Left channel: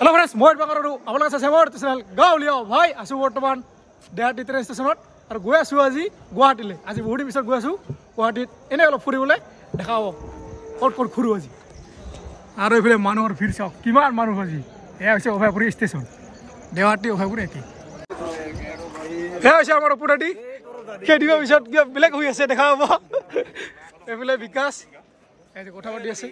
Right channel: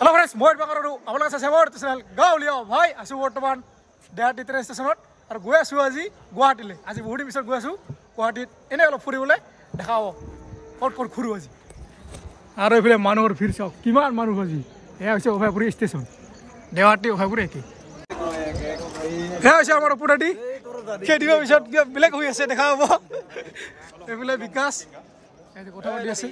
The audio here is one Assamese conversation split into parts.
Hello friends, মই বাকাৰো আপোনালোক আছে মোৰ চেনেল গাঁৱলীয়া ভাই আছো বৰ্তমান দেহাটি ট্ৰেইন ষ্টেচনত আৰু গৈ আছো আজি গুৱাহাটীলৈ আজি বহুত দিন পিছত গৈ আছো গুৱাহাটীত এনে অলপ ফুৰিবলৈ দেখাব ক'ত ক'ত ঘূৰো আজি আৰু এইফালে মানুহৰ ভিৰ চাওক কিমান মানুহ আজি এয়া হৈছে অভয়পুৰী ষ্টেচন দেহাটি অভয়পুৰী একে এয়া হৈছে আমাৰ অপুৰাটি কেইদিনৰ পিছত বেলেগ হৈ আছে দেখা হ'ব এইফালে বিকাশ কথা পাতি আছে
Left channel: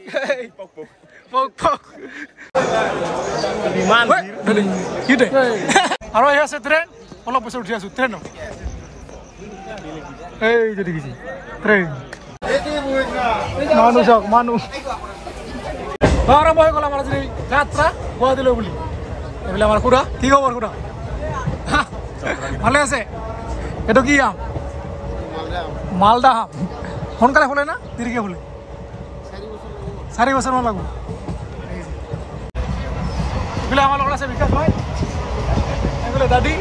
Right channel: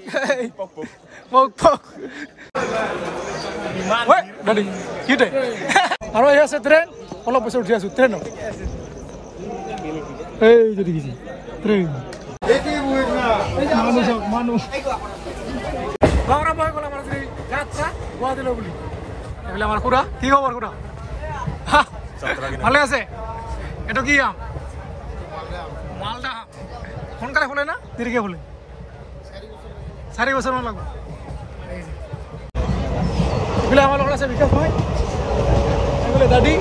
আৰু এই আছে ট্ৰেইন অলপ পিছত উঠি আছো ট্ৰেইনত এই যদি দেখিছে ট্ৰেইন মানুহ চাওক মানুহ আৰম্ভ হৈ গ'ল আমাৰ আজি যাত্ৰা গুৱাহাটীলৈ বুলি এইফালে আমাৰ খুৰা কি খবৰ খুৰা ভালে আছে এইটো কি আম মালদা আম সোনকালে ফুলে না দেৰিকে ফুলে 4 বছৰমান লাগব এইফালে আমাৰ লগত আছে বিকাশ ভাই এইফালে দাদি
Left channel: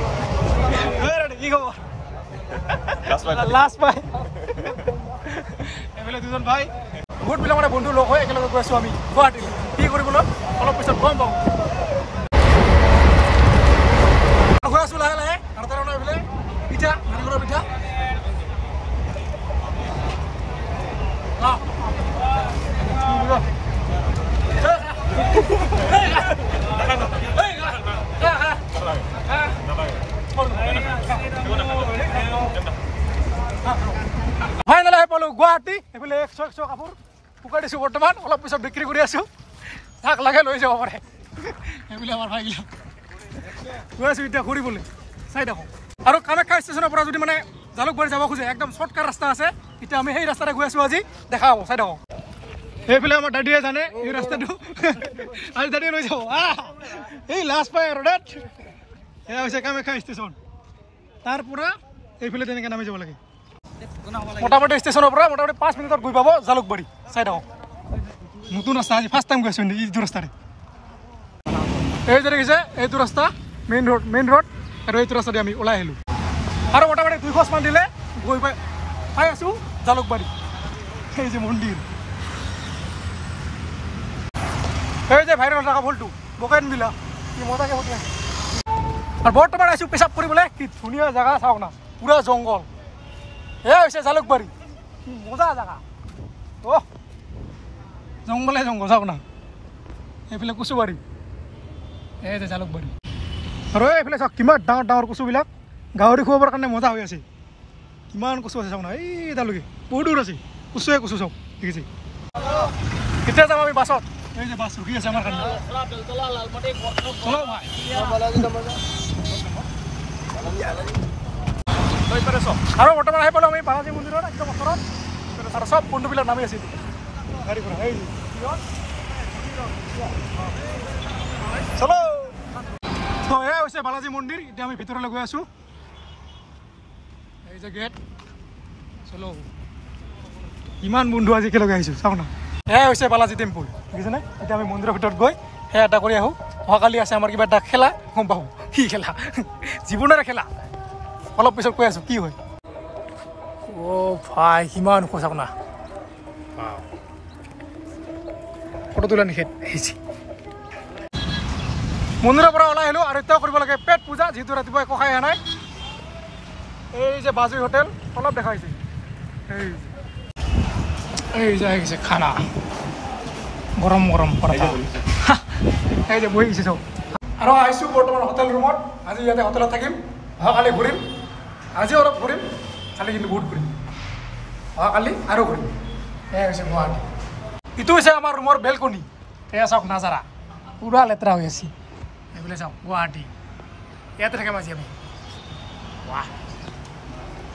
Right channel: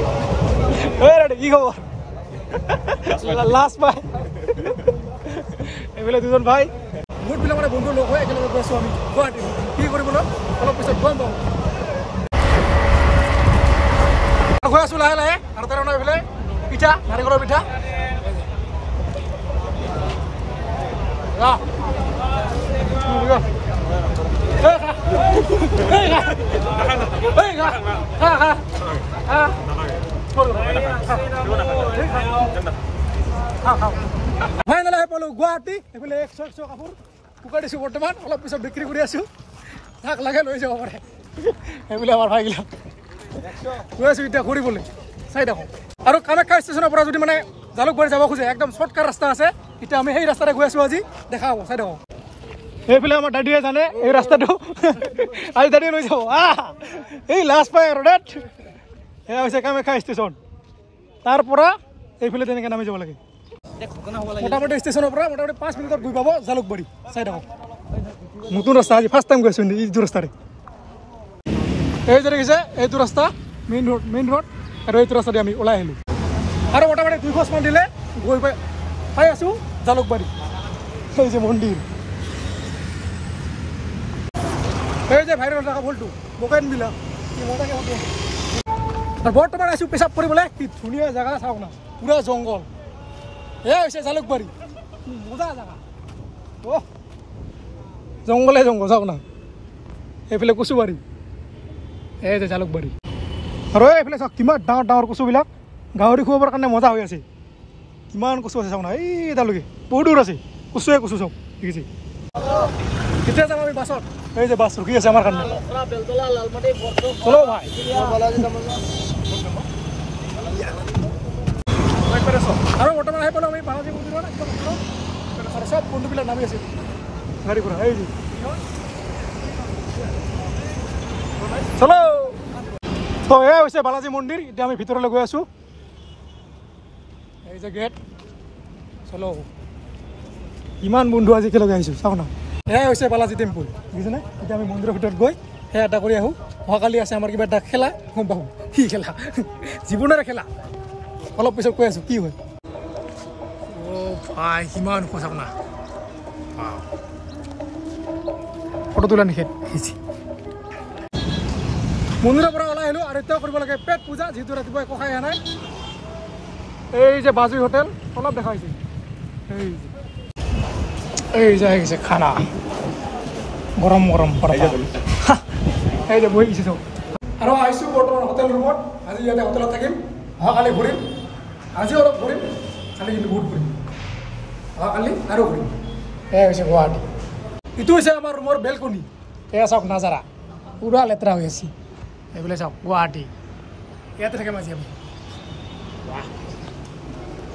দাদি কি খবৰ লাষ্ট ভাই এইফালে দুজন ভাই বহুত পিলা মানে বন্ধু লগ হৈ একেলগে গৈ আছো আমি গুৱাহাটীলৈ কি কৰিবলৈ অলপ পিছত গম পাওঁ গৈ আছো লাহে লাহে আৰু তাৰ এইফালে পিঠা নাৰিকলৰ পিঠা ফাইনেল আহি পালো গুৱাহাটী এইফালে 100 কাপোৰ শুকাই দিছো বৰ্তমান অলপ পিছত বিক্ৰী কৰি আছো তাক লাগে লৈ যাব পাৰে এইফালে আমাৰ ভাইগিলা গৈ আছো এতিয়া ঘূৰিবলৈ চাই দেখো আৰু কামাখ্যা ষ্টেচনৰ পৰা যদি মানে জালুকবাৰী যাব খোজে একদম শ্বৰ্টকাট ৰাস্তা আছে এতিয়া আমি সেই ৰাস্তাৰে গৈ আছো আজি দেখা হ'ব চাই দেখো এইফালে আমাৰ দাদিয়ে জানে এই ৰাস্তাটো আজি দাদিয়ে লৈ যাব এই লাষ্ট পাই আৰু ডেট এয়া হৈছে কামাখ্যা ষ্টেচন তাৰ পৰা এইফালে তেনেকৈ নামি যাব লাগে মোটামুটি ষ্টেচনৰ পৰা মোটামুটি 5 মিনিটত গৈ পাব জালুকবাৰী চাই থাকক নতুন ৰাস্তা আজি ফাৰ্ষ্ট টাইম গৈ আছো এইটো ৰাস্তাৰে এই যে দেখিছে এইটো ৰাস্তা মেইন ৰোড আৰু এইটো ৰাস্তাতে আমি ওলাই আহিলোঁ আৰু মোটামুটি 2 খোজ মান দিলে গৈ পাই আছো জালুকবাৰী এই যে মন্দিৰ এই যে ভাইৰেল থকা ফুলটো বকেন বিলা কি মজাকে ফুটি আছে আৰু বৰ্তমান আছো পেচাব কৰিবলৈ কি ধুনীয়া জেগা চাওক না পুৰা জংঘল এয়া হৈছে জালুকবাৰী কি মজা জেগা জংঘলে জংঘল চাওক না এইফালে কচুবাৰী এই যে জালুকবাৰী আৰু এইফালে চাওক কিমান ডাঙৰ ডাঙৰ কচুবিলাক গাহৰি খুৱাবৰ কাৰণে মজা হৈ আছে কিমান কচু আছে চাওক না এই তালৈকে বহুত দূৰ আছে কচুৱে কচু চাওক ঠিক আছে কেতিয়া যাম আমি বাছত এই যে বাছ ৰখি আছে আমাৰ কাৰণে চলো ভাই আৰু বৰ্তমান আহি পালোঁ আমি বালাজী মন্দিৰত একদম ওচৰত আৰু চব বন্ধুবিলাক নামি আছে চলো তো এয়া হৈছে বালাজী মন্দিৰ এতিয়া আমি ভিতৰলৈ গৈ আছো এই যে গেট চলো ইমান বন্ধু আজি একেলগে আহিছোঁ চাওক না এয়া হৈছে বালাজী টেম্পুল দেখিছেনে এতিয়া আমি মন্দিৰৰ ভিতৰত গৈ সেয়া এটা কৰি আহোঁ অহাকালি আছে আমাৰ কিবা এটা খেলা গম পাওঁ কি খেলা জীৱনৰে খেলা অলপ পিছত কৈ আছোঁ কি হয় ভাই কিমান ওখ চাওক না ফটো তোলা নিষেধ আহিছে মন্দিৰৰ পৰা ওলাই আহিলোঁ আৰু এতিয়াও কৰিব লাগে পেট পূজা যিহেতু ৰাতিপুৱা একো খাই অহা নাই এই যে বাজুই হোটেল অলপ দেখা হৈছে এই যে আহিছে খানা গৰম গৰম এই যে বহি গৈছে চব আৰু আহিছোঁ বৰ্তমান হোটেল ৰুমত আজি ইয়াতে হোটেলত থাকিম অহাকালি ঘূৰিম আজি অলপ ঘূৰিম কালি কিন্তু বহুত ঘূৰিম অহাকালি আৰু ঘূৰিম এয়া হৈছে গুৱাহাটী ইটো হৈছে আমাৰ ৰুমৰ বেলকনি এয়া চাওক নাজাৰা পুৰা লেতেৰা হৈ আছে এইফালে চাওক গুৱাহাটী ইয়াতে থাকিম আজি আমি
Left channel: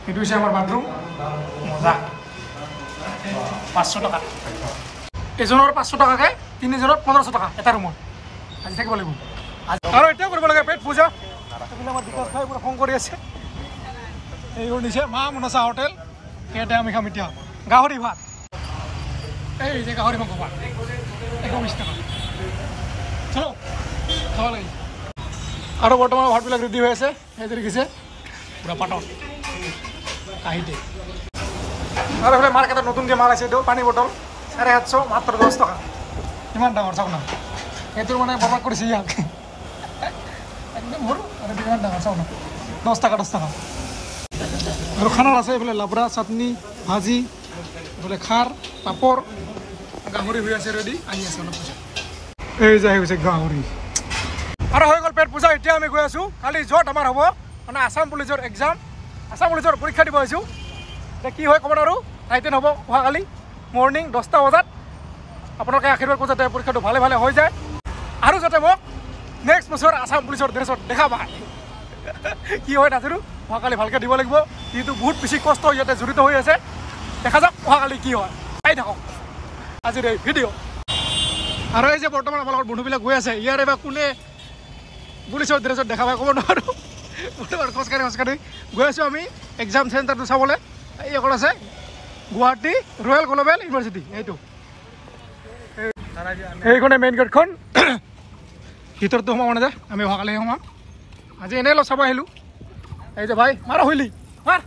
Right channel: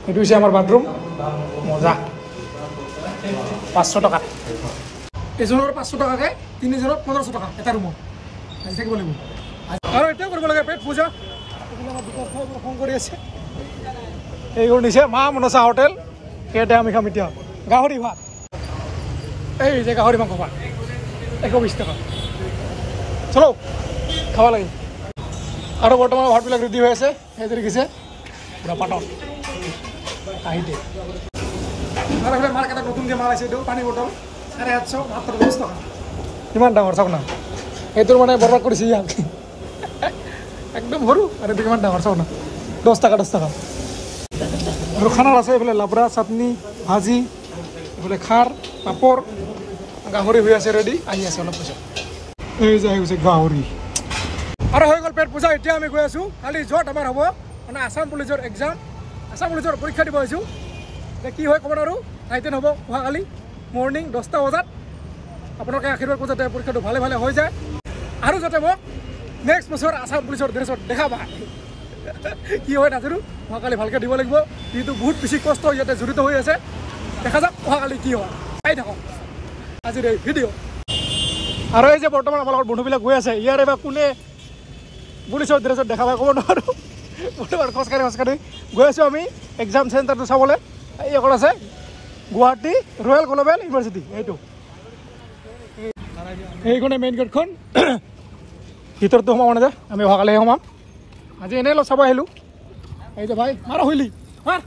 এইটো হৈছে আমাৰ বাথৰুম মজা 500 টকা এজনৰ 500 টকাকৈ 3জনৰ 1500 টকা এটা ৰুমত আজি থাকিব লাগিব আৰু এতিয়াও কৰিব লাগে পেট পূজা এইফালে আমাৰ বিকাশ ভাই পুৰা খং কৰি আছে এইবোৰ নিছে মা মনসা হোটেল ইয়াতে আমি খাম এতিয়া গাহৰি ভাত এই যে গাহৰি মাংস ভাত 120 টকা চলো খাব লাগে আৰু বৰ্তমান ভাতবিলাক ৰেডি হৈ আছে সেই দেখিছে পুৰা পাতল কাহিতে আৰু এইফালে মাৰ্কেটত নতুনকৈ মাল আছে এইটো পানী বটল 750 মাত্ৰ 10 টকা কিমান ডাঙৰ চাওক না এইটোৰ মানে বৰবাদ কৰিছে ইয়াক একদম সৰু আৰু কিমান ডাঙৰ চাওঁ না 10 টকা আৰু খানাত আছে এইফালে লাবৰা চাটনি ভাজি এইফালে খাৰ পাপৰ গাহৰি হৈ আছে ৰেডি আহি আছে অলপ পিছত এই যে হৈছে গাহৰি আৰু হৈ গ'ল পেট পূজা এতিয়া আমি গৈ আছোঁ কালি য'ত আমাৰ হ'ব মানে আছাম পুলিচৰ এক্সাম আছাম পুলিচৰ পৰীক্ষা দিব আহিছোঁ এতিয়া কি হয় ক'ব নোৱাৰোঁ টাইটেন হ'ব অহাকালি মৰ্ণিং 10টা বজাত আপোনালোকে আশীৰ্বাদ কৰোঁ যাতে পৰীক্ষাটো ভালে ভালে হৈ যায় আৰু যাতে মোক নেক্সট বছৰ আছাম পুলিচৰ ড্ৰেছত দেখা পায় কি হয় নাজানো অহাকালি ভালকৈ দিব লাগিব যিহেতু বহুত বেছি কষ্ট ইয়াতে জড়িত হৈ আছে দেখা যাওক অহাকালি কি হয় চাই থাকক আজিৰ এই ভিডিঅ' আৰু এই যে বৰ্তমান আমাৰ লগত বন্ধুবিলাক গৈ আছে ইয়াৰ এবাৰ কোনে পুলিচৰ ড্ৰেছত দেখা পায় ক'ব নোৱাৰোঁ বৰ্তমান খোজকাঢ়ি গৈ আছোঁ আমি এক্সাম চেণ্টাৰটো চাবলৈ এই অকল আছে গুৱাহাটী ৰয়েল গ্ল'বেল ইউনিভাৰ্চিটি এইটো এইখনে মেইন গেটখন ভিতৰতো সোমাব নাযায় আমি অহাকালিহে সোমাম আজি এনেই অলপ চাব আহিলোঁ এই যে ভাই মাৰ শুইলি মাৰ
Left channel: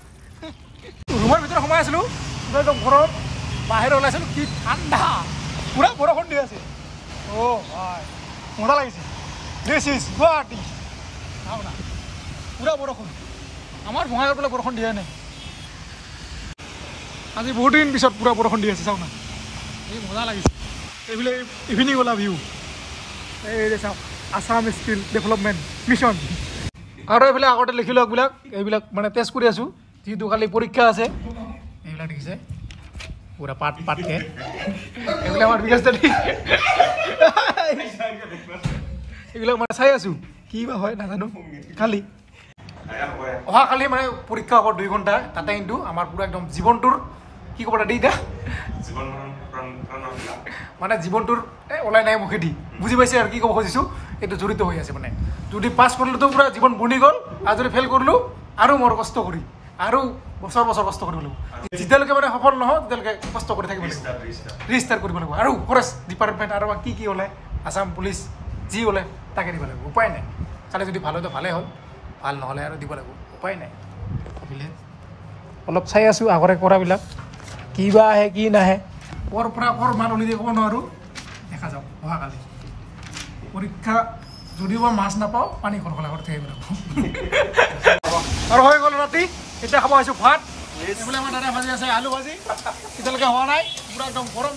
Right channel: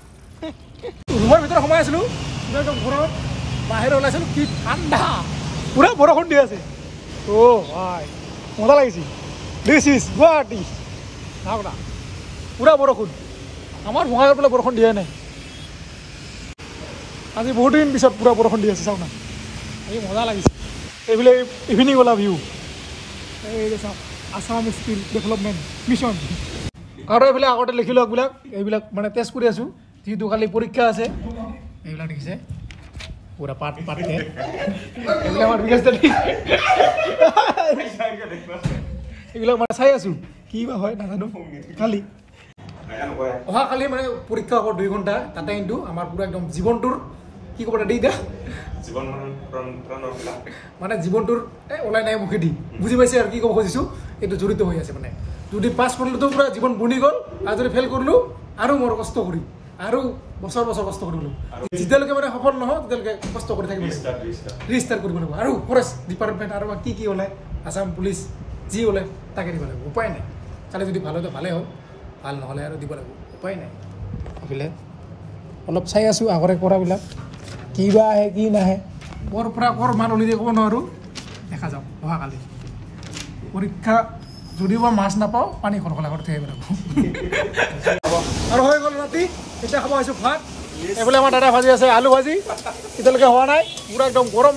ৰুমৰ ভিতৰত সোমাই আছিলোঁ একদম ঘৰত বাহিৰত ওলাইছিলোঁ কি ঠাণ্ডা পুৰা বৰষুণ দি আছে অ' ভাই মজা লাগিছে দিছ ইজ গুৱাহাটী চাওক না পুৰা বৰষুণ আমাৰ বঙাইগাঁৱৰ পেলাই বৰষুণ দিয়াই নাই আজি বহুত দিন পিছত পুৰা বৰষুণ দি আছে চাওক না এই মজা লাগিছে এইফালে ইভিনিং ওলা ভিউ এই যে চাওক আছাম স্কিল ডেভেলপমেণ্ট মিছন আৰু এইফালে আগতে লিখিলোঁ এইবিলাক মানে টেষ্ট কৰি আছোঁ যিহেতু কালি পৰীক্ষা আছে এইবিলাক দেখিছে পুৰা পাতকৈ এইবিলাক আমাৰ বিকাশ দালি এইবিলাক মানে চাই আছোঁ কি বা হয় নাজানো কালি অহাকালি মানে পৰীক্ষা হ'ব 2 ঘণ্টা তাতে কিন্তু আমাৰ পুৰা একদম জীৱনটোৰ কি ক'ব দেই এতিয়া মানে জীৱনটোৰ ওলাই নাই মুখেদি বুজি পাইছে আৰু কি ক'ব খুজিছোঁ এইটো জড়িত হৈ আছে মানে যদি পাছ কৰিলোতো পুৰা জীৱন বনি গ'ল আৰু যদি ফেইল কৰিলোঁ আৰু মোৰ কষ্ট কৰি আৰু বছৰ কষ্ট কৰিব লাগিব যেতিয়ালৈকে মানে সফল নহয় তেতিয়ালৈকে কষ্ট কৰি থাকিব লাগিব ৰেজিষ্টাৰ কৰিব লাগিব আৰু ফৰেষ্ট ডিপাৰ্টমেণ্ট আৰু কি ওলায় আছাম পুলিচ যি ওলায় তাকে দিব লাগিব উপায় নাই কালি যদি ভাল হয় ভালেই হ'ল ভাল নহ'লে আৰু দিব লাগিব উপায় নাই এইফালে অলপ চাই আছোঁ আগৰে কৰাবিলাক কি বা আহে কি নাহে ক'ৰ পৰা ক'ৰ মান উলিয়াই ক'ব নোৱাৰোঁ দেখা যাওক অহাকালি পৰীক্ষা যদিও বা মাছ নাপাওঁ পানী খৰখলা কৰি থাকিব লাগিব আৰু হৈ গ'ল ৰাতি এতিয়া খাব আহিছোঁ ভাত এইফালে আমাৰ দাদা ভাজি আছে আলু ভাজি এতিয়ালৈকে হোৱা নাই পুৰা একদম গৰম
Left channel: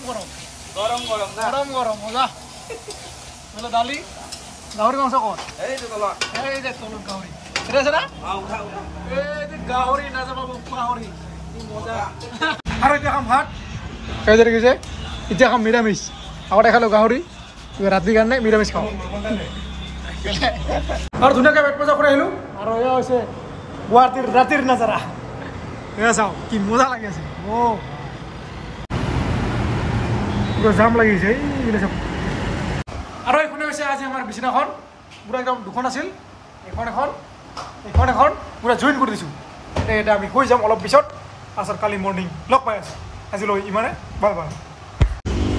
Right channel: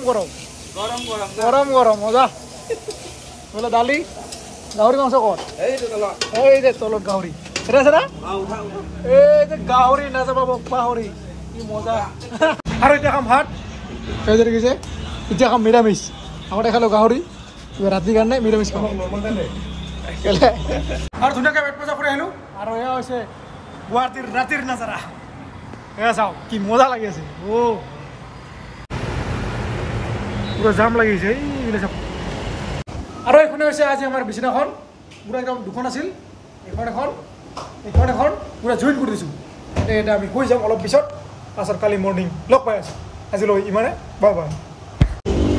মজা এইফালে দালি গাহৰি মাংস ক'ত এই যে তলত গাহৰি এটা আছে না এই যে গাহৰি নাযাব গাহৰি কি মজা আৰু এতিয়া খাম ভাত এই যে দেখিছে এতিয়া খাম নিৰামিষ আগতে খালোঁ গাহৰি ৰাতিৰ কাৰণে নিৰামিষ খাওঁ আৰু ধুনীয়াকৈ পেট পূজা কৰি আহিলোঁ আৰু এয়া হৈছে গুৱাহাটীৰ ৰাতিৰ নাজাৰা এয়া চাওক কি মজা লাগি আছে অ' পুৰা জাম লাগিছে এইবিলাক চাওক আৰু এইখনে হৈছে আজি আমাৰ বিচনাখন পুৰা একদম দুখন আছিল এখন পুৰা জইন কৰি দিছোঁ এতিয়া আমি শুই যাম অলপ পিছত পাছত কালি মৰ্ণিং লগ পাই আছোঁ আজিলৈ ইমানে বাই বাই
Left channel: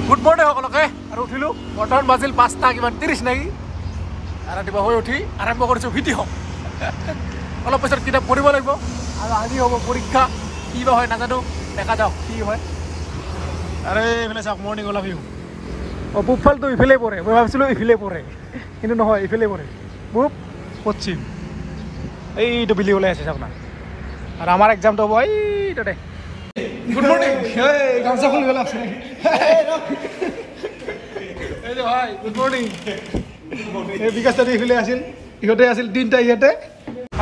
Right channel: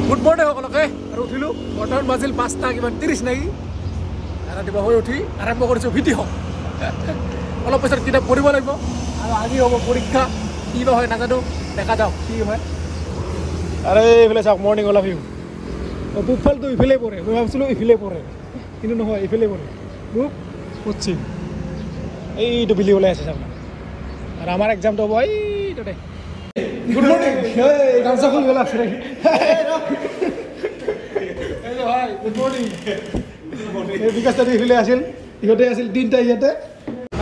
গুড মৰ্ণিং সকলোকে আৰু উঠিলোঁ বৰ্তমান বাজিল 5:30 নেকি ৰাতিপুৱা হৈ উঠি আৰম্ভ কৰিছোঁ ভিডিঅ' অলপ পিছত কিতাপ পঢ়িব লাগিব আৰু আজি হ'ব পৰীক্ষা কি বা হয় নাজানো দেখা যাওক কি হয় আৰু এইফালে চাওক মৰ্ণিং ওলা ভিউ পূবফালটো ইফালে পৰে মই ভাবিছিলোঁ ইফালে পৰে কিন্তু নহয় ইফালে পৰে পূব পশ্চিম এইটো বিলি ওলাই আছে চাওক না আৰু আমাৰ এক্সামটো হ'ব এই তাতে গুড মৰ্ণিং গামছা ফুল গ'ল আছে ভাই গুড মৰ্ণিং এই বিকাশ দাদা ইফালে আছিল ইহঁতে আছিল 3টা ইয়াতে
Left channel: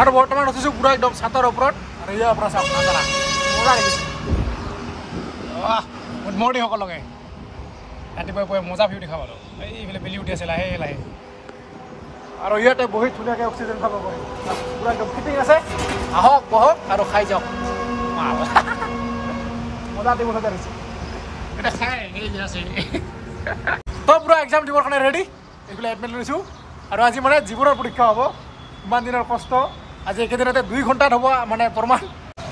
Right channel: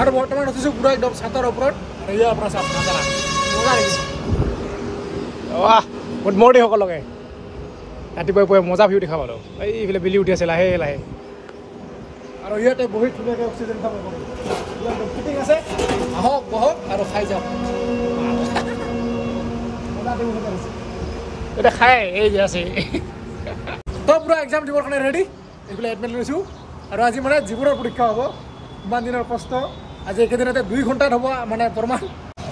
আৰু বৰ্তমান উঠিছোঁ পুৰা একদম ছাতৰ ওপৰত আৰু ইয়াৰ পৰা চাওক নাজানা মজা লাগিছে গুড মৰ্ণিং সকলোকে ৰাতিপুৱাই মজা ভিউ দেখা পালোঁ এইফালে বিলি উঠি আছে লাহে আৰু ইয়াতে বহি ধুনীয়াকৈ অক্সিজেন খাব পাৰি পুৰা একদম ফিটিং আছে আহক বহক আৰু খাই যাওক মজা দিব লাগিছে এতিয়া খাই এই যে আছে তো পুৰা এক্সাম দিবৰ কাৰণে ৰেডি এইফালে এডমিট লৈছোঁ আৰু আজি মানে জীৱনৰ পৰীক্ষা হ'ব ইমান দিনৰ কষ্ট আজি একেদিনতে 2 ঘণ্টাত হ'ব মানে প্ৰমাণ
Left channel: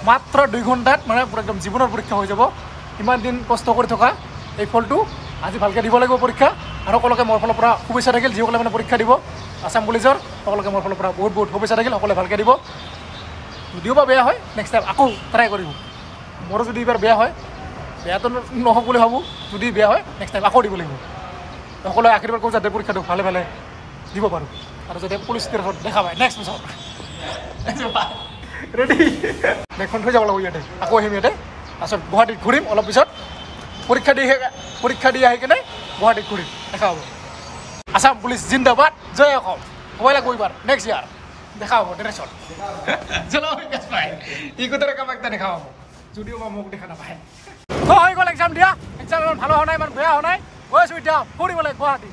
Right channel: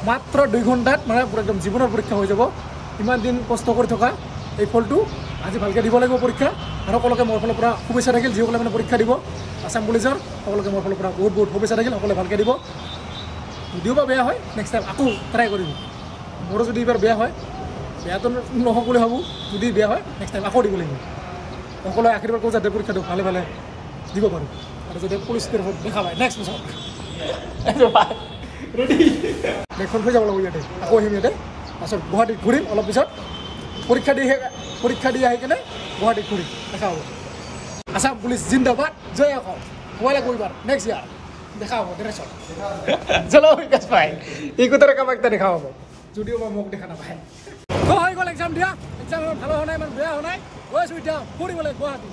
মাত্ৰ 2 ঘণ্টাত মানে পুৰা একদম জীৱনৰ পৰীক্ষা হৈ যাব ইমান দিন কষ্ট কৰি থকা এই ফলটো আজি ভালকৈ দিব লাগিব পৰীক্ষা আৰু সকলোকে মোৰ ফালৰ পৰা শুভেচ্ছা থাকিল যিসকলে মানে পৰীক্ষা দিব আছাম পুলিচৰ সকলোকে মোৰ ফালৰ পৰা বহুত শুভেচ্ছা থাকিল সকলোৱে ভালকৈ দিব যদিও বা বেয়া হয় নেক্সট টাইম আকৌ ট্ৰাই কৰিব মোৰো যদি এইবাৰ বেয়া হয় বেয়াটো নহওক বুলি ভাবোঁ যদি বেয়া হয় নেক্সট টাইম আকৌ দিব লাগিব সকলোৱে আশীৰ্বাদ কৰোঁ যাতে পৰীক্ষাটো ভালে দিব পাৰোঁ আৰু যাতে পুলিচ ষ্টেচনত দেখা পায় নেক্সট বছৰ ৰেডি বেগখন থৈ যাব লাগিব ইয়াতে আকৌ আহিম ইয়াতে তাৰপিছত গুৱাহাটীত ঘূৰিম অলপ পিছত পৰীক্ষা দি আহি কিনে গুৱাহাটীত ঘূৰিম দেখা হ'ব আসাম পুলিচ জিন্দাবাদ জয় অসম হ'ব লাগিব এইবাৰ নেক্সট ইয়াৰ দেখা হ'ব ড্ৰেছত চলো গেছ পাই এই কথাৰে কাৰোবাক দেখা হ'ব যদিও বা মোক দেখা নাপায় তো হৈ গ'ল এক্সাম দিয়া এক্সাম ইমান ভাল হোৱা নাই ইমান বেয়া হোৱা নাই গৈ আছোঁ এতিয়া ফুৰিবলৈ গুৱাহাটী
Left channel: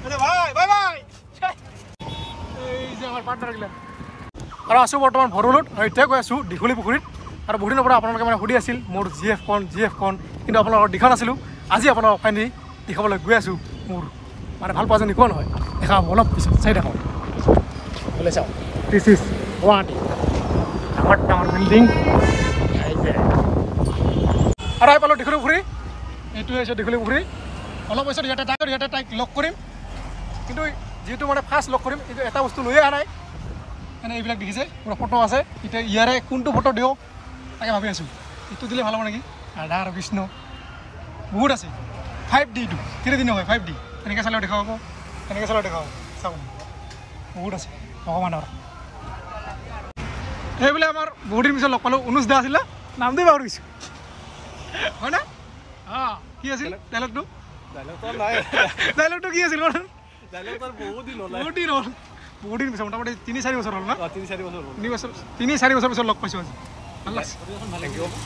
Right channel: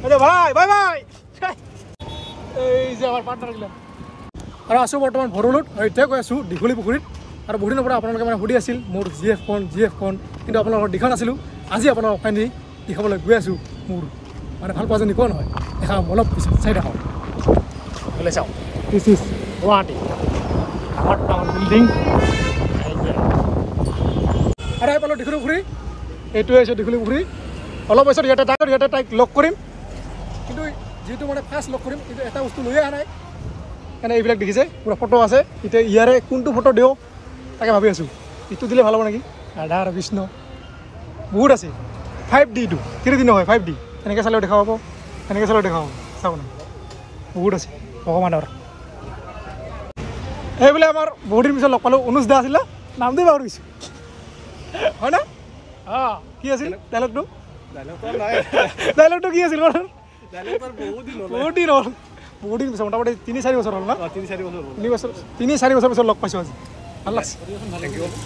ভাই বাই বাই এই যে আমাৰ পাৰ্টনাৰগিলা আৰু আছোঁ বৰ্তমান ভৰলুত আৰু এতিয়া গৈ আছোঁ দীঘলী পুখুৰীত আৰু বহু দিনৰ পৰা আপোনালোকে মানে সুধি আছিল মোৰ জি এফ খন কিন্তু আপোনালোকৰ দেখা নাছিলোঁ আজি আপোনালোকক ফাইনেলি দেখাবলৈ গৈ আছোঁ মোৰ মানে ভাল পোৱাজনী কোন হয় দেখাম অলপ পিছত চাই দেখাওঁ বোলে চাওঁ দিছ ইজ গুৱাহাটী ডাঙৰ ডাঙৰ বিল্ডিং আৰু আহি পালোঁ দীঘলী পুখুৰী এইটোৱে হৈছে দীঘলী পুখুৰী অলপ পিছত ইয়াতে তাইক লগ কৰিম কিন্তু যিহেতু মানে ফাৰ্ষ্ট লগ কৰিম কিন্তু এটা বস্তু লৈয়ে অহা নাই এনে এইবিলাক দেখিছে পুৰা ফটো আছে এতিয়া ইয়াৰে কোনটো ফটো দিওঁ তাকে ভাবি আছোঁ এইটো দিলে ভাল হ'ব নেকি ৰাধা আৰু কৃষ্ণ বহুত আছে 5D টো 3D নহয় 5D এনেকৈ চালেও দেখা পাব এনেকৈ চালেও দেখা পাব চাব বহুত আছে ভগৱানৰ এইবোলে আমাৰ বহুত দিন পিছত লগ পালোঁ অনুজ দা আছিলে নাম দি পাহৰি গৈছোঁ হয় না অঁ কি আছিল ডাইলগটো কি আছিল বহুত দিন পিছত মোটামুটি 3-4 বছৰ হ'ল না 3-4 বছৰ পিছত লগ পাইছোঁ আজি ভাল লাগছে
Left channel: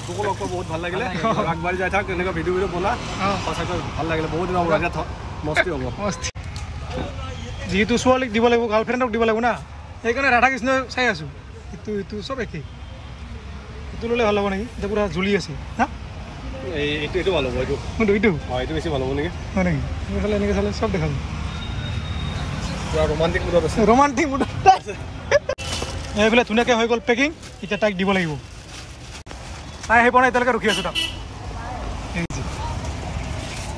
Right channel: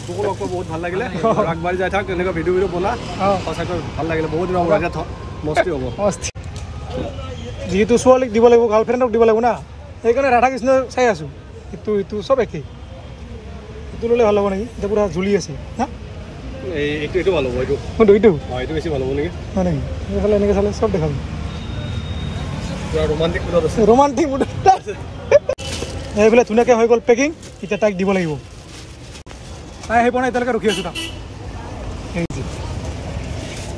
তোকো লগ পাই বহুত ভাল লাগিলে আগবাঢ়ি যাই থাক এনেকুৱা ভিডিঅ' বনা সঁচাকৈ ভাল লাগিলে বহুত দিনৰ মূৰত মস্তি হ'ব যিহেতু ছোৱালীক দিব লাগিব গাৰ্লফ্ৰেণ্ডক দিব লাগিব না সেইকাৰণে ৰাধা কৃষ্ণ চাই আছোঁ ইটো চব একেই এইটো ল'লে ভাল হ'ব নেকি এতিয়া পূৰা জ্বলি আছে না এইটো ভাল হ'ব এইটো বেছি ভাল হ'ব নেকি হয় নেকি এনেকৈ চালে চব দেখা যাব ৰোমান্টিক মুডত এইফালে ধুনীয়াকৈ হৈ গ'ল পেকিং এতিয়া তাইক দিব লাগিব তাই আহি পোৱা নাই এতিয়ালৈকে ৰখি আছোঁ তাক এই যে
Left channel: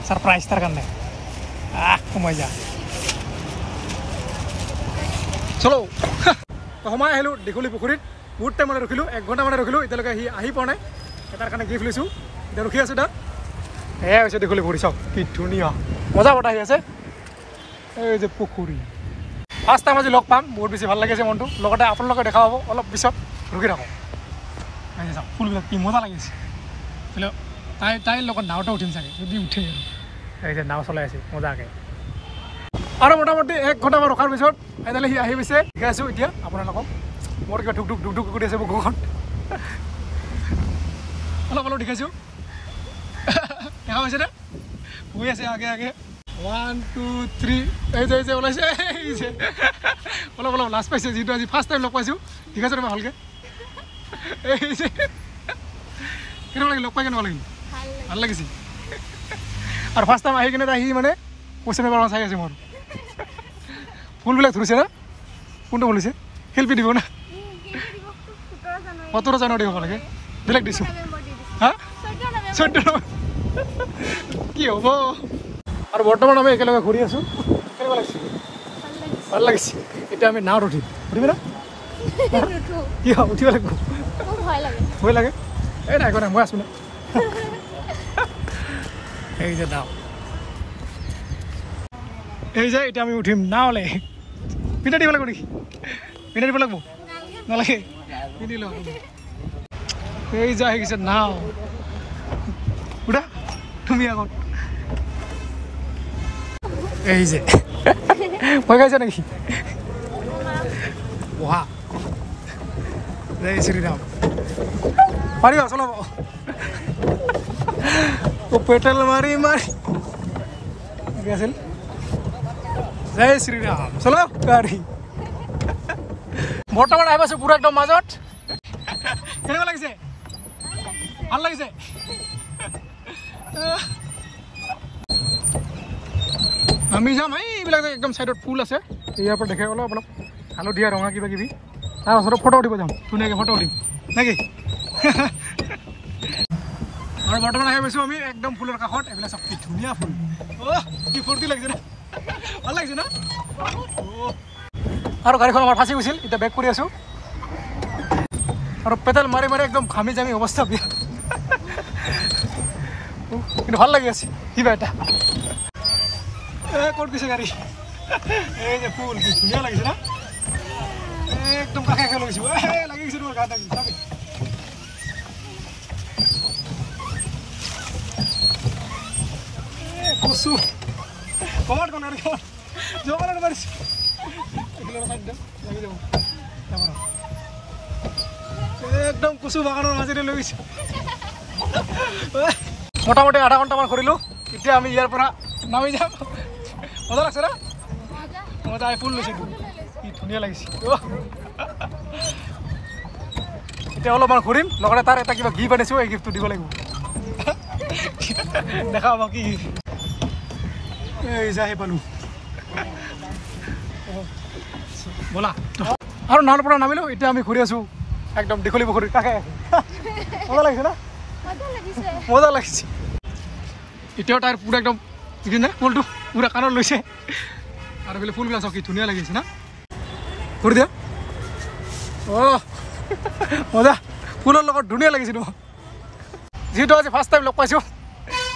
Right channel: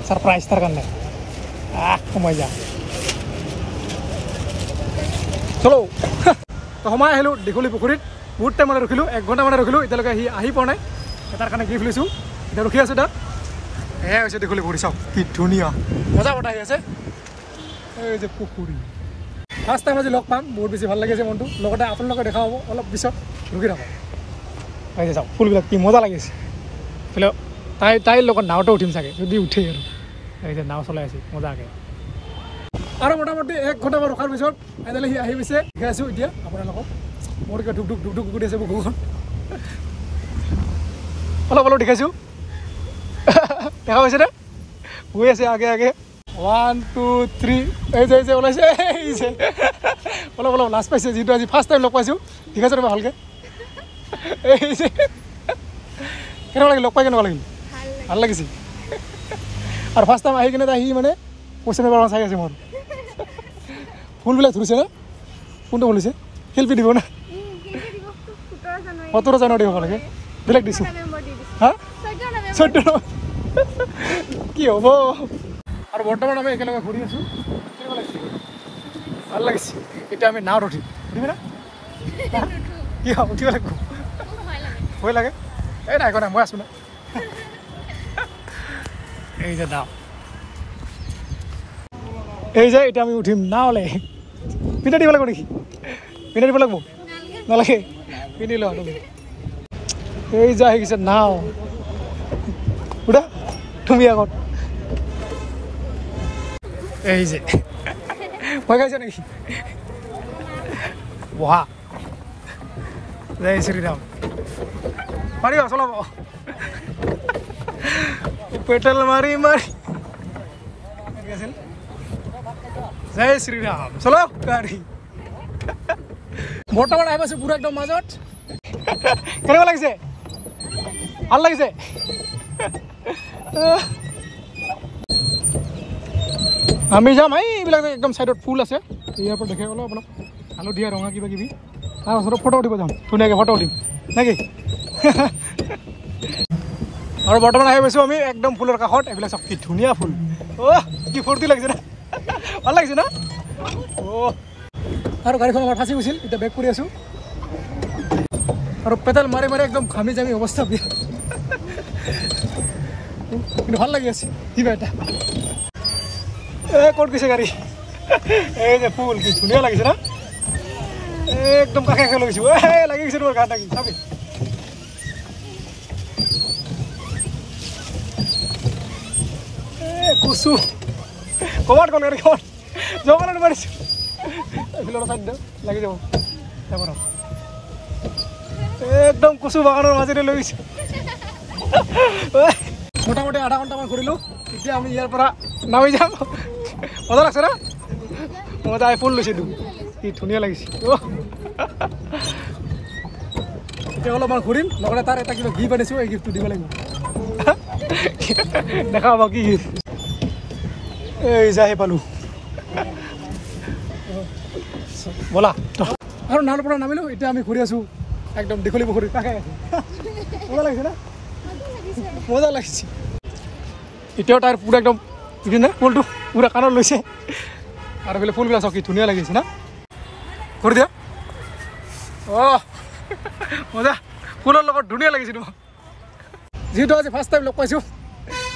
ছাৰপ্ৰাইজ তাৰ কাৰণে সোমাই যা চলো তো সোমাই আহিলোঁ দীঘলী পুখুৰীত বহুত টাইম মানে ৰখিলোঁ 1 ঘণ্টা মানে ৰখিলোঁ এতিয়ালৈকে আহি পোৱা নাই তাৰ কাৰণে গিফ্ট লৈছোঁ এতিয়া ৰখি আছোঁ তাত এয়াই হৈছে দীঘলী পুখুৰী চাওক কি ধুনীয়া মজা বতাহ আহি আছে এই যে পুখুৰী ফাৰ্ষ্ট টাইম আজি লগ পাম বহুত বেছি ভাল লাগিছে মনটো লগতে আপোনালোকে দেখা পাব অলপ পিছত ৰখি থাকক এই যে চাওক ফুলবিলাক কি মজা লাগিছে বোলে তাইৰ লগত নাওতে উঠিম চাগে যদি উঠে আৰু এই যে নাও চলাই আছে মজাকৈ আৰু মোটামুটি 1 ঘণ্টামান ৰখাৰ পিছত ফাইনেলি সি আহি গৈছে শিকাই আছোঁ এতিয়া আপোনালোকক মোৰ কিবা ঢুক কৰি আছে বুকুখন অলপ দেখাইছোঁ দেখা পাইছেনে গৈ আছে আগে 1 2 3 এই যে ওলাইছে অলপ লাজ পাইছে যিটো আজি ফাৰ্ষ্ট টাইম লগ পাইছোঁ ঠিক আছে ৰ'বা ভালকৈ এই যে কেনেকুৱা লাগিল লগ পাই কেনেকুৱা লাগিল ভাল লাগিছে আৰু ফাৰ্ষ্ট টাইম আহি কিনে আহি মানে কুৱেশ্যন পেপাৰ চাই আছে মোৰ ফুলবিলাক ধৰিছে না কোনটো ফুলিছে শিল্পী দিব না 17 জানুৱাৰী হ'ব লাগে বেলেগ দিছোঁ হা 14 কি হ'ব আৰু বৰ্তমান আমি একেলগে ঘূৰি আছোঁ কেনেকুৱা লাগিছে ভাল লাগিছে এতিয়া আমি নাৱত উঠিবি না কি হ'ব উঠিব লাগিব ভয় লাগে এই নাই নাই মই আছোঁ না এই যে নাও এই যে এতিয়া আমি উঠিম নাওলৈ পিন্ধা দিব লাগিব নেকি পিন্ধা দিব লাগিব নালাগে পিন্ধি লওঁ এই যে আহি গৈছে নাও উঠা তুমি আগত এই যে ভয় খাইছে নেকি বহা জয় শ্ৰীৰাম পাৰিবা চলাব পেটেল মাৰি আছিল জয় শ্ৰীৰাম চলো গাড়ী বৰ্তমান আহি পাইছোঁ পুৰা একদম মাজত কেনেকুৱা লাগিছে ভাল লাগিছে আমি যাম এইবিলাক একদম চাইডত ফুল আছে ইয়াৰ পৰা দেখাই অলপ হালধীয়া ৰঙা কিবা কিবি তাৰপাছত ফটো উঠিব যাম ধুনীয়াকৈ ফটো উঠিম নেকি আৰু বৰ্তমান আহি পাইছোঁ আমি একদম ফুলৰ কাষত এইবিলাক চব কি ধুনীয়া ফুল কি ফূৰ্তি লাগিছে না ভাল লাগিছে না আৰু গাড়ীখন আমাৰ ফাঁচি গৈছিল এতিয়া বেক কৰি আছোঁ আৰু পেডেল মাৰি একদম ঘামি জামি অৱস্থা বেয়া কিন্তু ভাল লাগি আছে কিবা এটা ক'ত গৈছে গাড়ী এই যে ফুল কি ধুনীয়া লাগিছে না একদম কাষে কাষে লাগিছে লাগিছে তোমাৰ গাত লাগি চাবি কচু কমাত গ'ল কমাত জমানত মাৰিছো লাগি যাব একদম কচু বাগানৰ মাজেৰে লৈ গৈছে মোটামুটি আধা ঘণ্টামান কৰিলোঁ এতিয়া আমি ইয়াৰ পৰা নামি যাম মজা লাগছে না মজা ফুল লৈছিলোঁ কি ধুনীয়া লাগিছে এতিয়া অলপমান ঘূৰিম লগতে তাৰ এটা কিবা গিফ্ট আনিছোঁ এই গিফ্টটো দিব লাগিব দেখা পাব কি গিফ্ট এই যাই পালোঁ ব'লা আৰু নাৱৰ পৰা নামিলোঁ এতিয়া আমি ঘূৰি আছোঁ একদম দীঘলী পুখুৰীৰ কাষে মজা লাগিছে না মজা লাগিছে এতিয়াও তাৰ পুৰা একদম দেখিছে ফুলটো পুৰা কাণত লৈছে আৰু বোলে ফুলবিলাক চাওক কি ধুনীয়া লাগিছে না ঘূৰি দিয়া অঁ মজা ফুলৰ লগত ধুনীয়া লাগিছে তোমাক যিহেতু আজি ফাৰ্ষ্ট টাইম লগ পাইছোঁ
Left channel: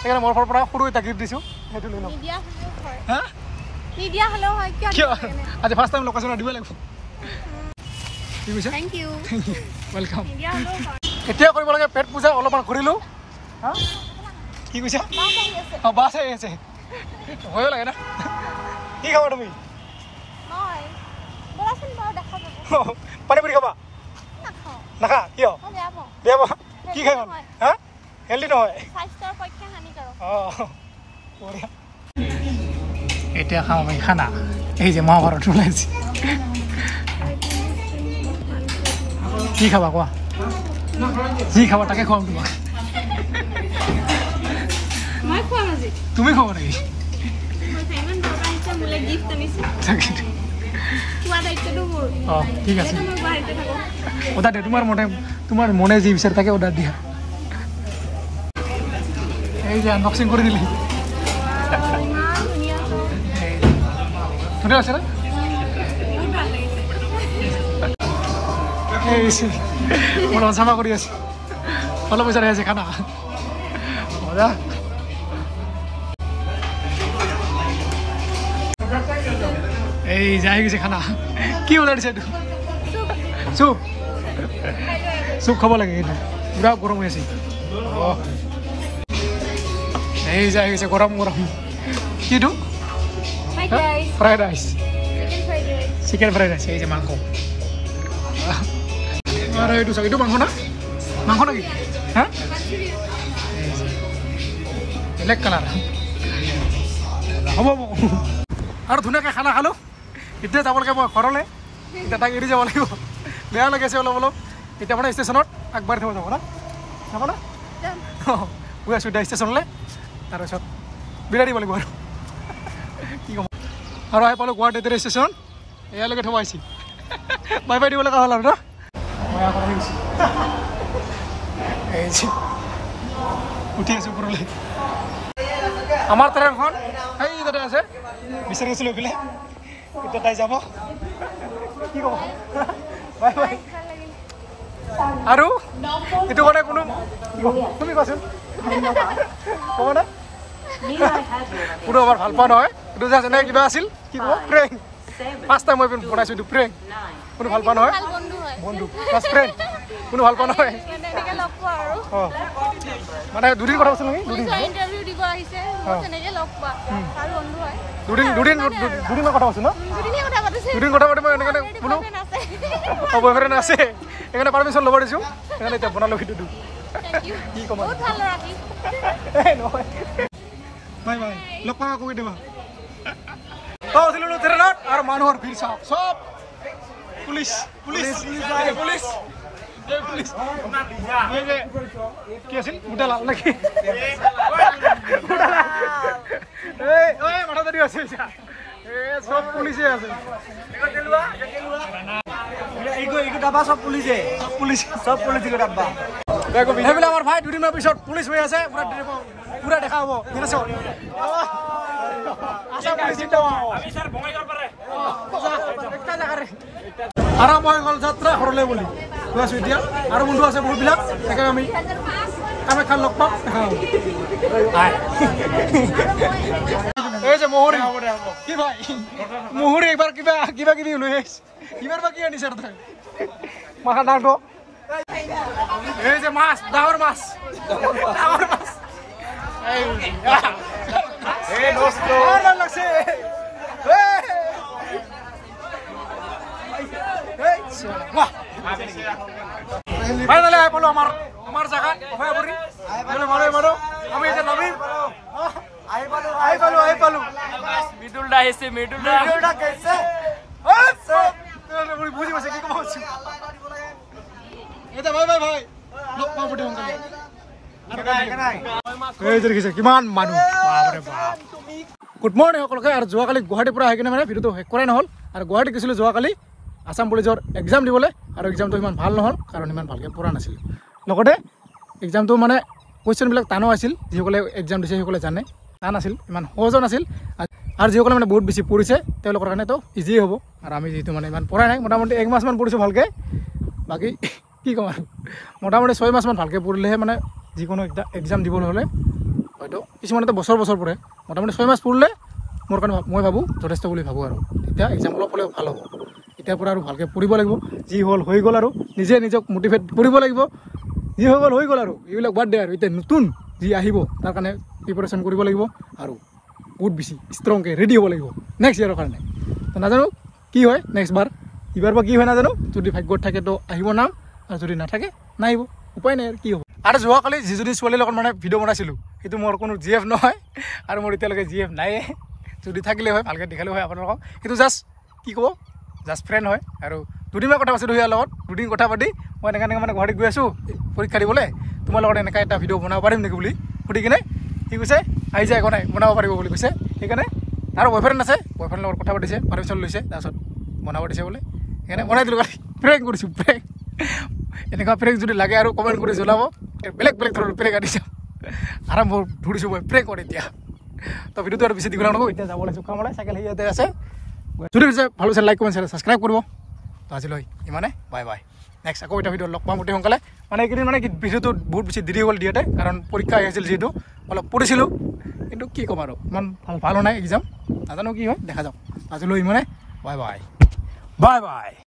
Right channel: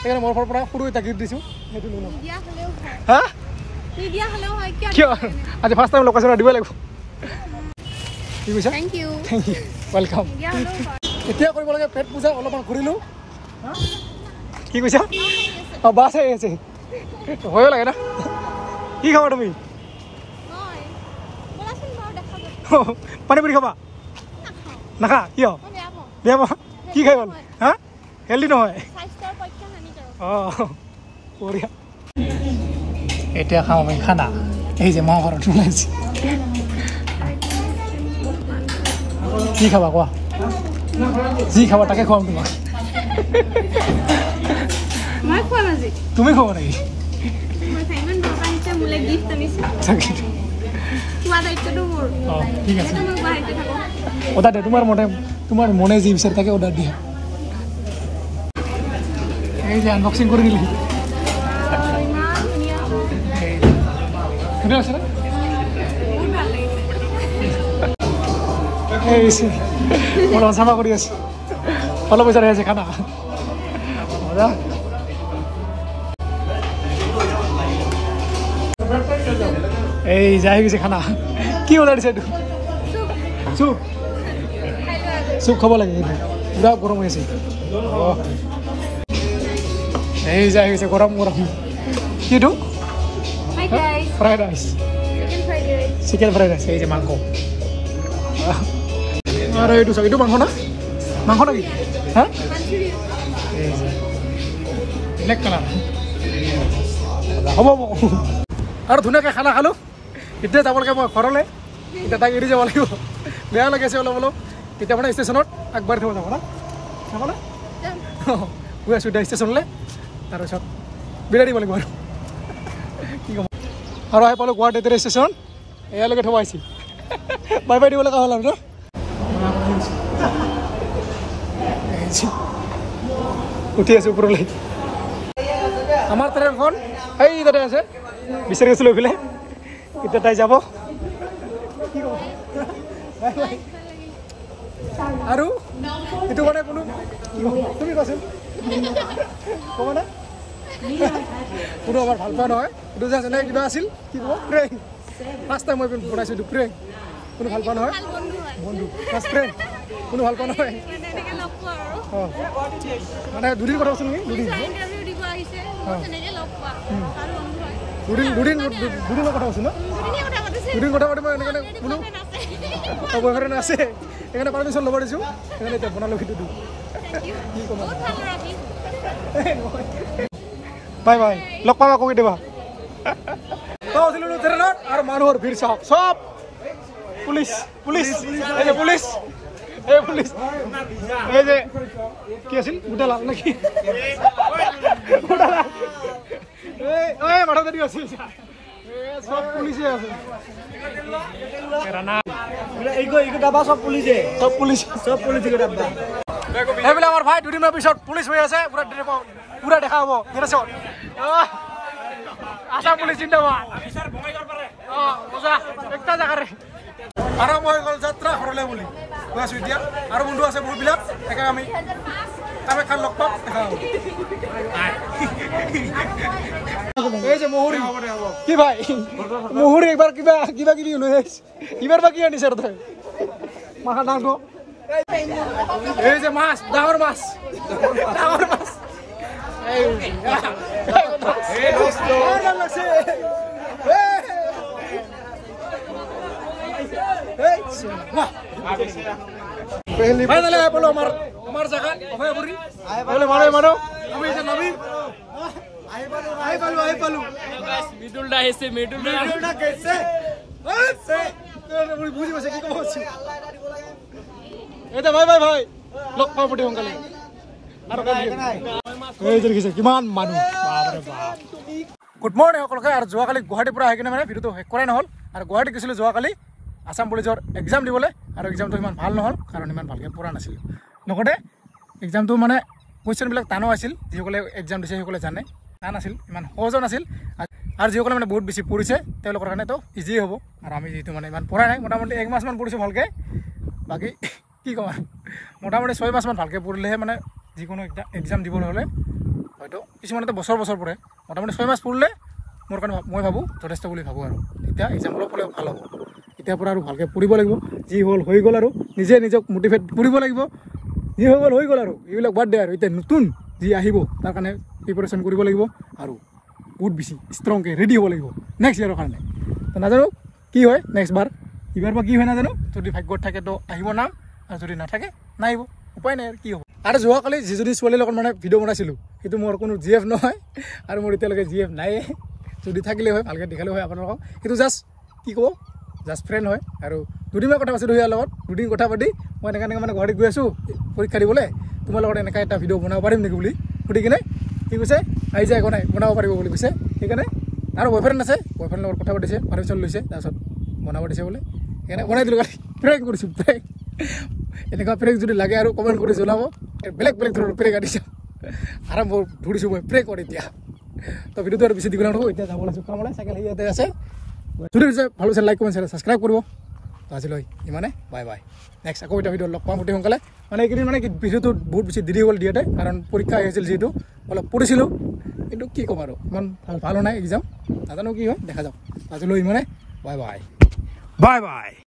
সেইকাৰণে মোৰ পৰা সৰু এটা গিফ্ট দিছোঁ সেইটো লৈ ল'ম হা কিয় আজি ফাৰ্ষ্ট টাইম লগ পাইছোঁ দিব লাগিব কি কৈছা থেংক ইউ ৱেলকাম এতিয়া কৰিব লাগে পেট পূজা অলপমান ঘূৰিলোঁ হা কি কৈছা অঁ বাছ আহি আছে ভয়ো লাগে না কি খাবা তুমি পানী পুৰি খাবা নাখা কিয় বেয়া পোৱা কি খাই গ'ল হা হেল্ডি নহয় বঢ়িয়া এতিয়া খাম আমি খানা এই যে মহাভাৰত ওলাইছে কি খাবা কোৱা যি খাবা তাকে খুৱাম তোমাক তুমি খাবা নেকি ঠিক আছে অৰ্ডাৰ দিয়া তোমাৰ মনে যি বিচাৰে তাকে অৰ্ডাৰ দিয়া এই যে আনবক্সিং কৰি দিলি ধুনীয়া আছে না অলপ চাফা কৰি আছে অলপ পইচা আছে খানা মজা এই যাই গৈছে খানা কি অৰ্ডাৰ দিছে এইটো চুপ চুপ খাব লাগে এইটো পুৰা গৰম হৈ আছে এই যাই গৈছে গৰম গৰম কিটো fried rice chicken fried rice এই যে মাংস আৰু এইটো চাওক এইটো মাংস না মাংস নেকি হা ব্লেক কালাৰ হ'ব আৰু ধুনীয়াকৈ খানা খালোঁ এতিয়া যাব লাগে মই ঘৰলৈ এতিয়া তাক এৰি যাব লাগিব বেয়া লাগি আছে অলপ অলপ এতিয়া মানে ষ্টেচনত আগবাঢ়ি থ'ব যাব না যাব না গৈ আছোঁ এতিয়া ষ্টেচনলৈ তাৰপিছত বিদায় দিব লাগিব আৰু কি ক'ম আৰু আহি পালোঁ গুৱাহাটী ষ্টেচন এয়ালৈকে থ'ব আহিছিল বাই বাই দিব লগা হ'ল আৰু ন মই আকৌ উঠি আছোঁ ওপৰলৈ আমাৰ ট্ৰেইনখন সেই তাতে আছে বিচাৰি গৈছোঁ লৈ পেলাই এতিয়া তাই যাব কি ক'ব বাই বাই আৰু এইটো কাৰণে কোনো তুমি কোৱাচোন ক'ব না কোনো আমাৰ ভাল পোৱা নহয় এইটো যে যেনে কিবা আছিল কি ক'ব প্ৰেং ফাৰ্ষ্ট টাইম মই বনাইছোঁ এইটো প্ৰেং কোনো ভাল পোৱা নহয় বন্ধু ফাৰ্ষ্ট ফ্ৰেণ্ড কোনো ভাল পোৱা নহয় অঁ মানে দুদিন কথা কৈছোঁ নেকি দুদিনৰ কথা কৈছোঁ ন দুদিন কথা পাতি মই এনেকৈ বোলো অঁ বয়ফ্ৰেণ্ড আছে সেইকাৰণে পাৰ্মিশ্যন ল'ব দিছোঁ সেইকাৰণে এতিয়া বনালোঁ ভিডিঅ'টো কি ক'ম নহয় বাই বাই লগ পাম আকৌ কেতিয়াবা তই উঠিলোঁ ট্ৰেইনত আৰু মানুহৰ ভিৰ চাওক চব পুলিচ পুলিচ পুলিচ এই পুলিচ এই যে কি আছিল গোটালাল নেকি এই মাথা যদি আছিল সব পুলিচে আছে সব পুলিচে সেইবিলাক আমাৰ ভাই দুদিনৰ পিছত পুলিচ হৈ আছে পুৰা দেখা হ'ব আশা পুলিচ চিন্তাবা একটা জাগাৰে আৰম্ভ হৈ গ'ল যাত্ৰা ঘৰলৈ বুলি গৈ আছোঁ এতিয়া আৰু বন্ধু আছে বহুতবিলাক তাকে আমি কামাখ্যাত লগ পাম দেখা এই যে মহুৰি কি ভাই মহুৰি একবাৰ কিবা কিবা কিবি লৈ আহিছে ইবাৰ বা কি আনিছে তই মাথা ডাঙৰ এই যে মাছ ডাঙৰ মাছ এই দোস্ত আর ভাল লাগছে ফাইনালি আই পালো আমার জায়গা অভয়পুরী মানুহ আমি এতিয়া নামিম আই পালো মিডুলটা আহিছে মিডুলটা কেছে বুঝি পাইছে কি কব আছো এটা ভাই লগ পাব পটি সোনকালে আৰু এই যে দেখিছে কিমান মানুহ বাপৰে বাপ গুড মৰ্নিং সকলোকে আৰু যোৱাকালি গুৱাহাটীৰ পৰা আহি কিনে মানে ভিডিঅ'টো শেষ কৰাই নহ'ল আৰু গুৱাহাটী গৈছিলোঁ যোৱাকালি আছাম পুলিচৰ এক্সাম দিবলৈ আৰু এক্সামটো ইমান ভাল নহ'ল কাৰণ ইমান ভালকৈ পঢ়া নাছিলোঁ লগতে এক্সামটো মানে কুৱেশ্যনবিলাক টানো আছিল যিসকলে এক্সাম দিছে সেইসকলে জানে টান আছিল ইমান সহজো নাছিল আৰু যিসকলে মানে বহুত বেছি পঢ়িছে তেওঁলোকৰ কাৰণেতো ইজিয়ে হ'ব আৰু আমি যিহেতু মানে ইমান পঢ়াই নাই মোটামুটি 1 মাহমান পঢ়িছোঁ ভালকৈ বাকী কি ক'ম আৰু মোটামুটি 6 মাহমান ভালকৈ পঢ়িলেহে মানে যিকোনো এক্সাম দিবলৈ হ'লে হয়তো কিছুমানেতো বছৰ পঢ়ে মোটামুটি 6 মাহ পঢ়িলে মোৰ কাৰণে মই ভাবোঁ যথেষ্ট বুলি ভাবোঁ আৰু তেতিয়া এক্সাম অলপ হ'লেও ভাল হ'ব এতিয়াৰ পৰা আৰু ভালকৈ পঢ়িব লাগিব যি হ'ল হৈ গ'ল আৰু নিজক মটিভেট কৰিব লাগিব যি হৈ গ'ল আৰু এইবিলাক বাদ দে আৰু এতিয়া নতুন যি আহিব তাৰ কাৰণে প্ৰিপাৰেশ্যন কৰিব লাগিব আৰু বহুত বেছি ষ্ট্ৰংকৈ ৰেডি হ'ব লাগিব নেক্সট ইয়াৰৰ কাৰণে তো নাজানো কি হয় নেক্সট বাৰ এইবাৰ বা কি হয় নাজানো যদি ভাগ্যত থাকে তো আহিব নাম আৰু যদি নাথাকে নাহিব উপায় নাই আৰু কি হ'ব আৰু যোৱাকালি যিজনী ছোৱালীৰ লগত মানে ভিডিঅ' বনাইছিলোঁ সেইটো মোৰ কোনো GF নহয় আৰু মোৰ এতিয়ালৈকে GF নাইয়ে যদি থাকিলে হয় ভালকৈ দেখালে হয় আপোনালোকক সেইটো জাষ্ট কি ক'ব জাষ্ট ফ্ৰেণ্ড হয় আৰু দুদিনমান কথা পাতিছিলোঁ ইয়াৰ লগত দুদিন কথা পাতি মই এনেকৈ মানে গুৱাহাটীত গৈ আছোঁ পৰীক্ষা দিবলৈ তোমাৰ লগত এনেকৈ এটা ভিডিঅ' বনাব পাৰিম নেকি বুলি সুধি কিনে কি কৈছে আহি যায় একো নাই বনাব পাৰিব বুলি কৈছে সেইকাৰণে আৰু বয়ফ্ৰেণ্ড আছে বয়ফ্ৰেণ্ডৰ লগত কথা পাতিছে পাৰ্মিশ্যন লৈছে তাৰপিছত বনাব দিছে বোলে সেইকাৰণে বনাই দিলোঁ প্ৰেংক কৰিছোঁ প্ৰেংক এনেকুৱা প্ৰেংক যদি লাগে আৰু কমেণ্ট কৰি জনাব বেলেগ ধৰণৰ প্ৰেংক আনিছোঁ আৰম্ভ ধৰিছোঁ মই প্ৰেংক কৰি এতিয়া তো ভিডিঅ'টো আৰু বেছি দীঘল নকৰোঁ এতিয়া যাব লাগিছোঁ কামলৈ চাইকেল হেৰি ইয়াতে আছে যদি পিছে ভাল হৈছে লাইক কমেণ্ট ছাবস্ক্ৰাইব কৰিব তো আজিলৈ ইমানে বাই নেক্সট আকৌ এটা ভিডিঅ' লগ পাম অতি সোনকালে মানে এইকেইদিন মানে কি ভিডিঅ'টো বহুত বেছি দেৰি হ'ল দিয়াতে কাৰণ পৰীক্ষা আহিছিল যিহেতু অলপ পঢ়িছিলোঁ কিন্তু কি ক'ম আৰু ইমান ভাল হোৱা নাই এক্সাম নাজানো কি হয় দেখা যাওক আজিলৈ ইমানে বাই